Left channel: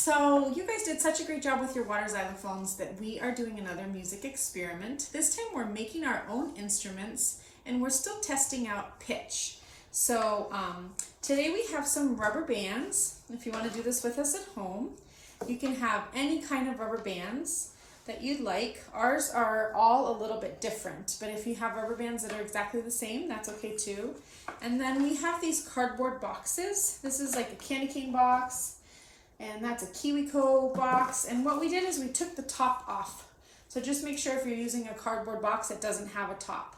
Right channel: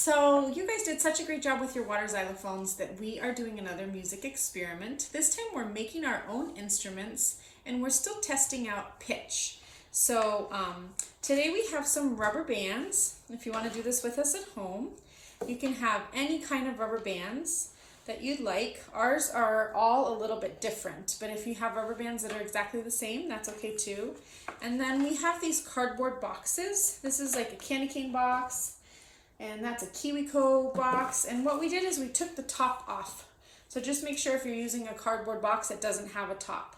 So you guys did such a great job with your water xylophones that we are doing another music experiment. This time we're making our own instruments and we're still testing out pitch. So today we have some rubber bands. If you want to do this with us at home, you can have any kind of rubber bands that you'd like. Ours are all a little bit different, but if you have rubber bands that are exactly the same, that's okay too. And then we have these cardboard boxes. This is like a candy cane box, and that's a KiwiCo box. And what we did is we took the top off. So just make sure if you're using a cardboard box, it doesn't have a top.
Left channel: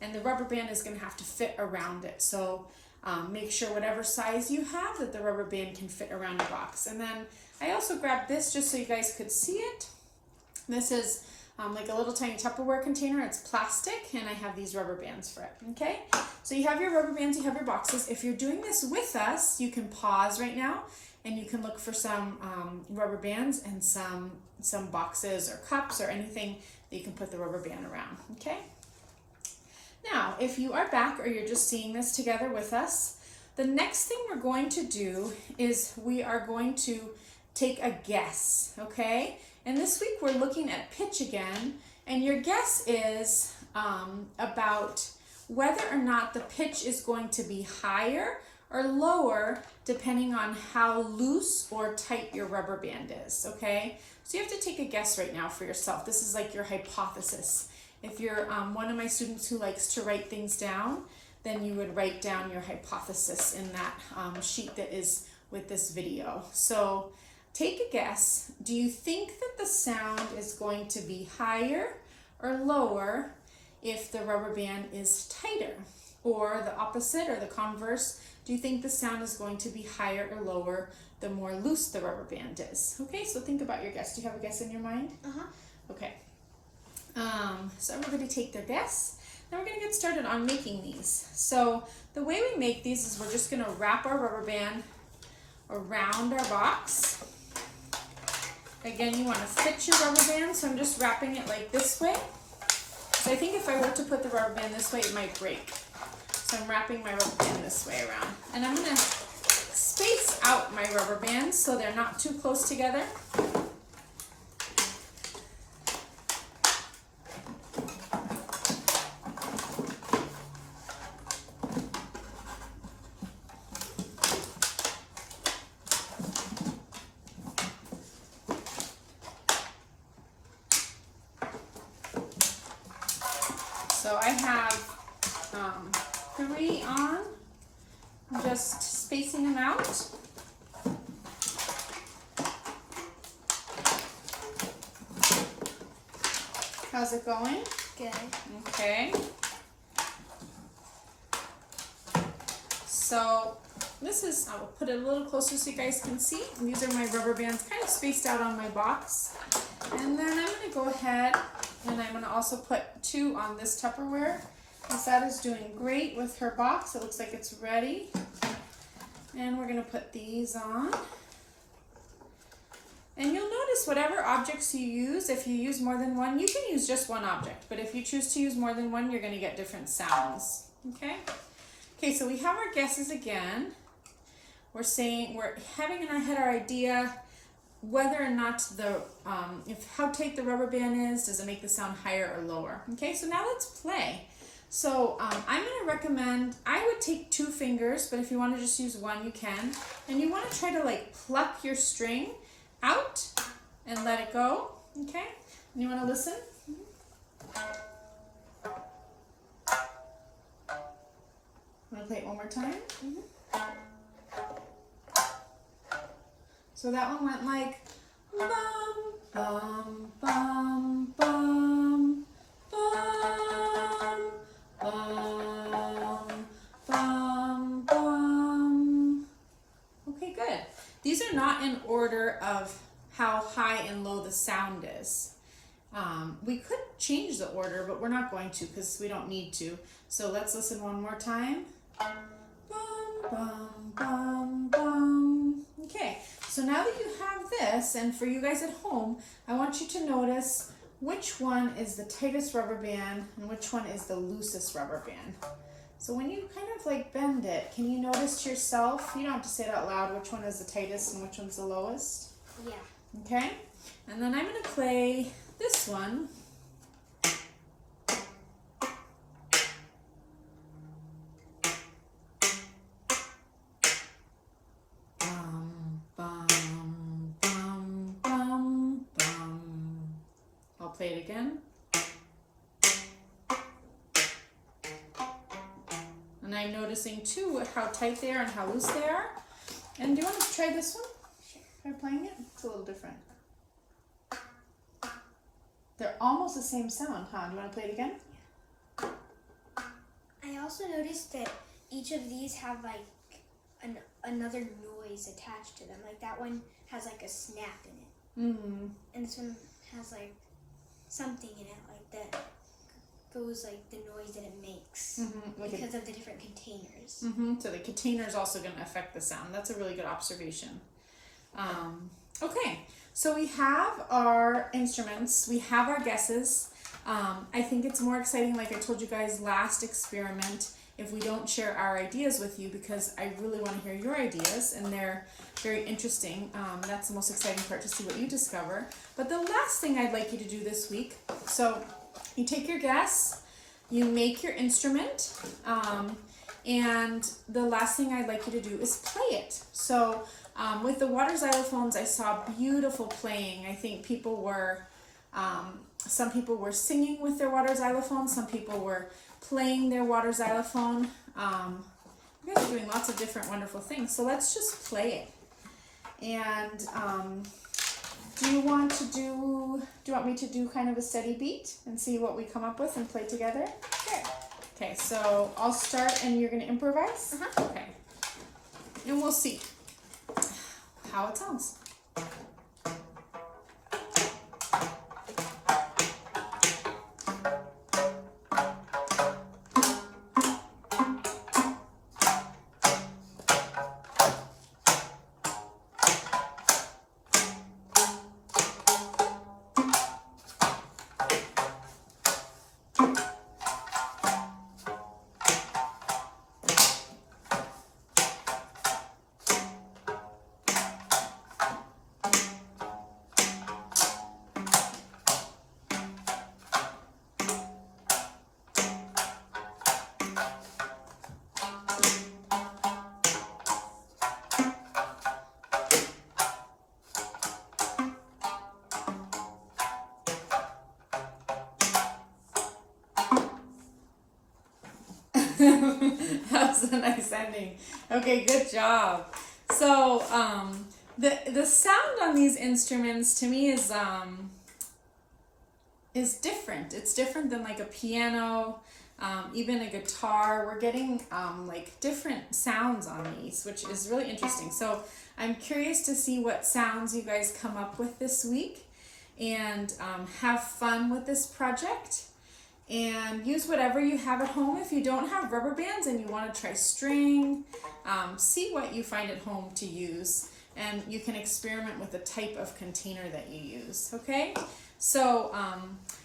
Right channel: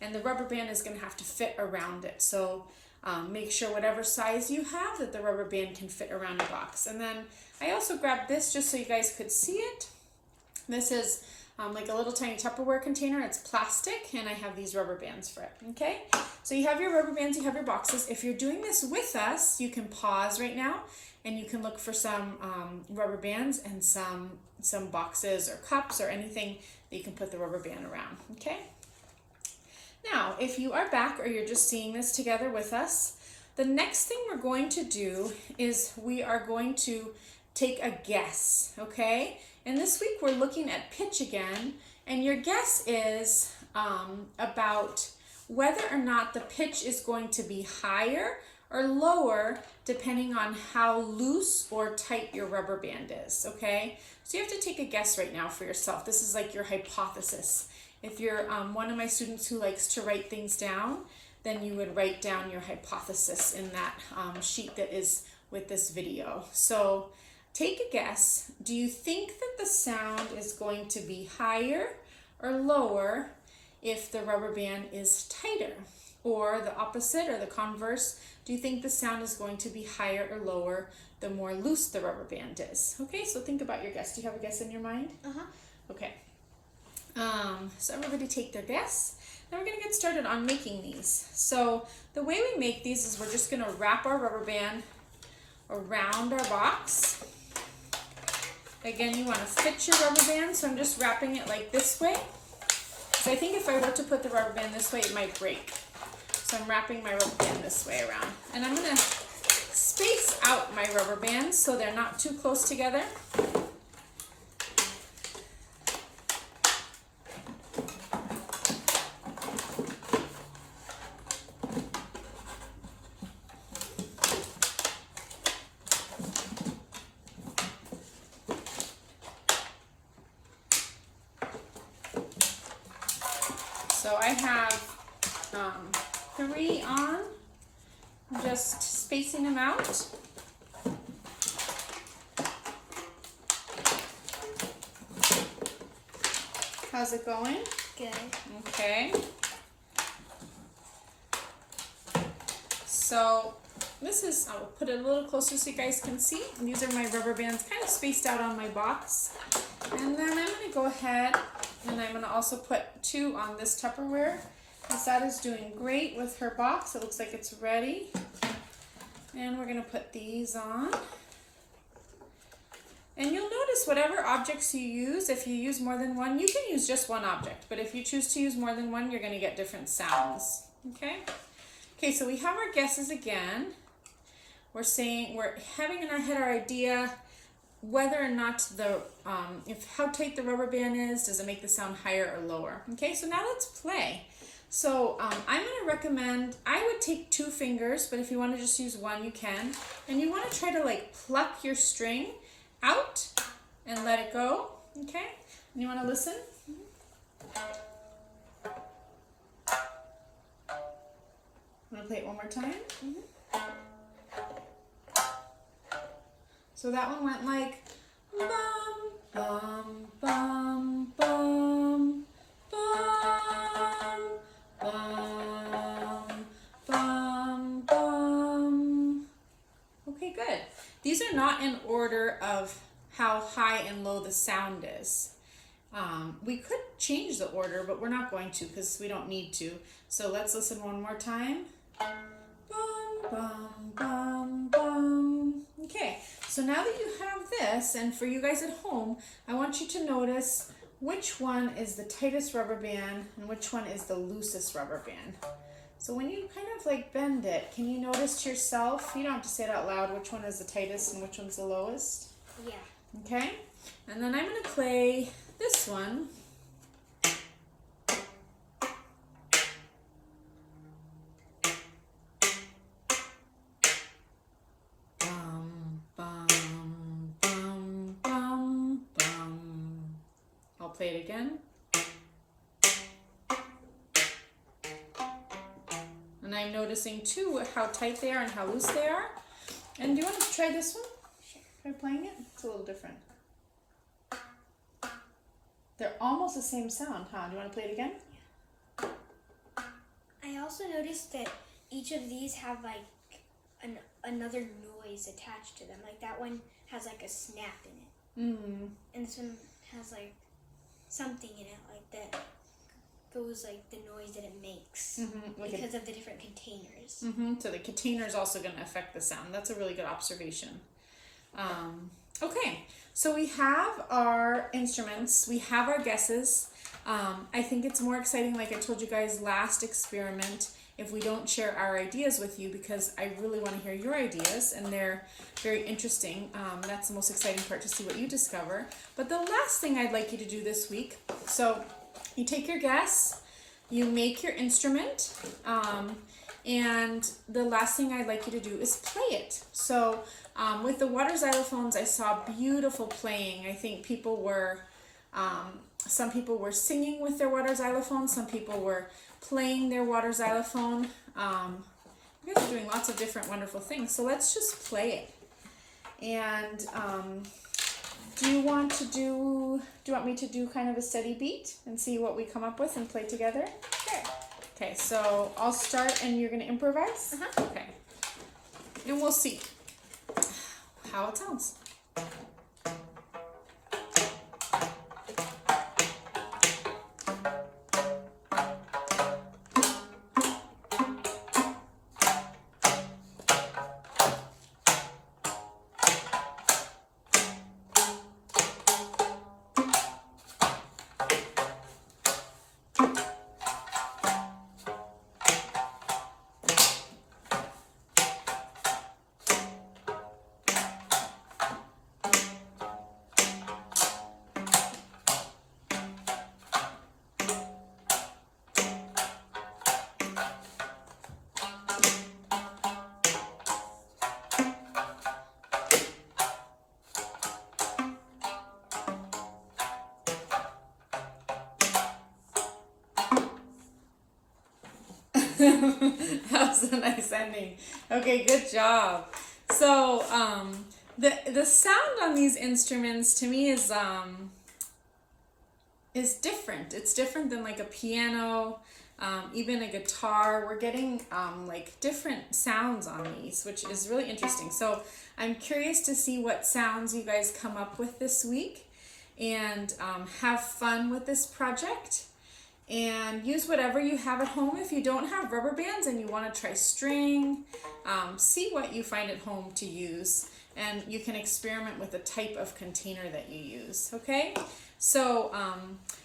And the rubber band is gonna have to fit around it. So make sure whatever size you have that the rubber band can fit around your box. And then I also grabbed this just so you guys could see it. This is like a little tiny Tupperware container. It's plastic, and I have these rubber bands for it, okay? So you have your rubber bands, you have your boxes. If you're doing this with us, you can pause right now, and you can look for some rubber bands and some boxes or cups or anything that you can put the rubber band around, okay? Now, if you are back or you're just seeing this together with us, the next thing we're going to do is we are going to take a guess, okay? And this week we're looking at pitch again, and your guess is about whether or not the pitch is going to be higher or lower depending on how loose or tight your rubber band is, okay? So you have to take a guess right now for yourself. This is like your hypothesis. If you're one of my students who likes to write things down, then you would write down your hypothesis in that sheet that is with this video. So take a guess. Do you think that the sound is going to be higher or lower if the rubber band is tighter? Or the opposite or the converse, do you think the sound is going to be higher or lower the more loose the rubber band is? Okay, so think about your guess. Do you have a guess in your mind? Okay. So everybody take their guess. Now we're going to get started on making these. So the way we make these is we're just going to wrap our rubber band around our box. Again, you want to fit your rubber band, so I'm just wrapping it like this way. So I think if I were to put the rubber band this way, it might break. So I'm wrapping my rubber band this way around. And I'm going to space out my rubber bands so they're not too close together. So I have 3 on, just spacing them out. How's it going? Good. Okay. So this is, I'll put it a little closer so you guys can see. These are my rubber bands kind of spaced out on my box. And then I'm going to go ahead and I'm going to also put 2 on this Tupperware. Lisette is doing great with her box. It looks like it's ready. And we're going to put these on. And you'll notice whatever objects you use, if you use more than one, you can use just one object. But if you choose to use more than one, you're going to get different sounds. Okay? Okay, so we have our guesses again. We're having in our head our idea whether or not how tight the rubber band is, does it make the sound higher or lower? Okay, so now let's play. So I'm going to recommend, I would take 2 fingers, but if you want to just use 1, you can. And you want to try to like pluck your string out and let it go, okay? And you want to listen? Want to play it one more time? So that one went like bum, bum, bum, bum, bum, bum, bum, bum. Okay, good. These are not in order of how high and low the sound is. We could change the order, but we're not going to because we don't need to. So let's listen one more time. Bum, bum, bum, bum. Okay, so now that you have this, and for you guys at home, I want you to notice which one is the tightest rubber band and which one is the loosest rubber band. So when you kind of like bend it, can you notice to yourself, you don't have to say it out loud, which one is the tightest and which one's the lowest? Yeah. Okay? And then I'm going to play this one. Bum, bum, bum, bum, bum. I'll play it again. And I'm noticing too how tight they are and how loose they are. And do you want to try this one? Sure. Try playing it? It's a little different. They're almost the same sound, huh? Do you want to play it again? Yeah. I also noticed that each of these have like another noise attached to them. Like that one has like a snap in it. Mm-hmm. And this one has like something in it like that goes like the noise that it makes because of the different containers. So the container is also going to affect the sound. That's a really good observation. Okay, so we have our instruments. We have our guesses. I think it's more exciting, like I told you guys last experiment, if we don't share our ideas with you, because I really want to hear your ideas and they're very interesting. That's the most exciting part, to see what you discover. But the last thing I'd like you to do this week, so you take your guess, you make your instrument, and the last thing I'd like you to do is play it. So with the water xylophones, I saw beautiful playing. I think people were, some people were singing with their water xylophone, some people were playing their water xylophone. You guys are doing lots of different wonderful things. So let's just play it. And do you want me to do kind of a steady beat and see what we come up with and play together? Sure. Okay, so I'll start and you're gonna improvise? Okay. And we'll see how it sounds. That was a nice ending. Okay, good job. So the sound on these instruments to me is different. It's different than like a piano, even a guitar. We're getting like different sounds on these, which is really interesting. So I'm curious to see what sounds you guys come up with this week, and have fun with this project. And use whatever you have at home. If you don't have rubber bands and you want to try string, see what you find at home to use, and you can experiment with the type of container that you use. Okay, so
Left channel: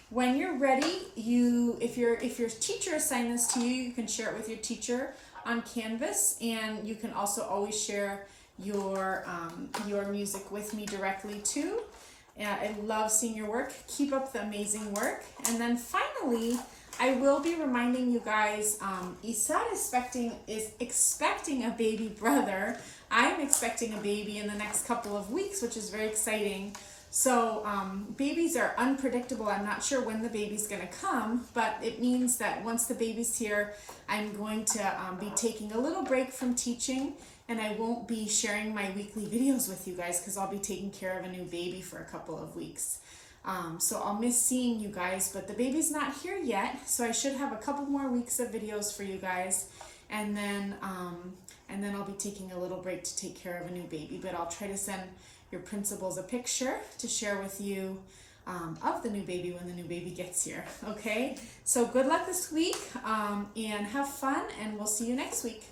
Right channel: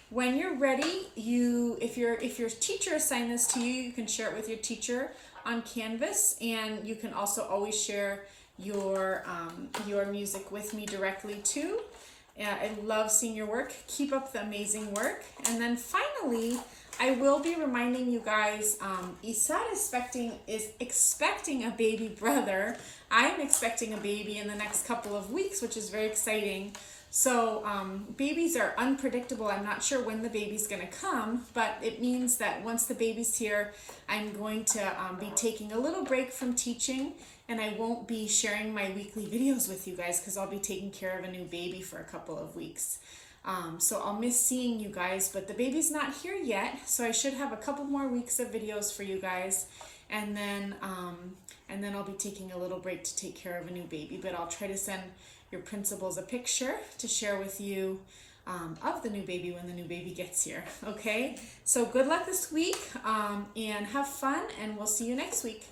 when you're ready, if your teacher assigned this to you, you can share it with your teacher on Canvas, and you can also always share your music with me directly too. I love seeing your work. Keep up the amazing work. And then finally, I will be reminding you guys, Isad is expecting a baby brother. I'm expecting a baby in the next couple of weeks, which is very exciting. So babies are unpredictable. I'm not sure when the baby's going to come, but it means that once the baby's here, I'm going to be taking a little break from teaching, and I won't be sharing my weekly videos with you guys because I'll be taking care of a new baby for a couple of weeks. So I'll miss seeing you guys, but the baby's not here yet, so I should have a couple more weeks of videos for you guys, and then I'll be taking a little break to take care of a new baby. But I'll try to send your principals a picture to share with you of the new baby when the new baby gets here. Okay, so good luck this week, and have fun, and we'll see you next week.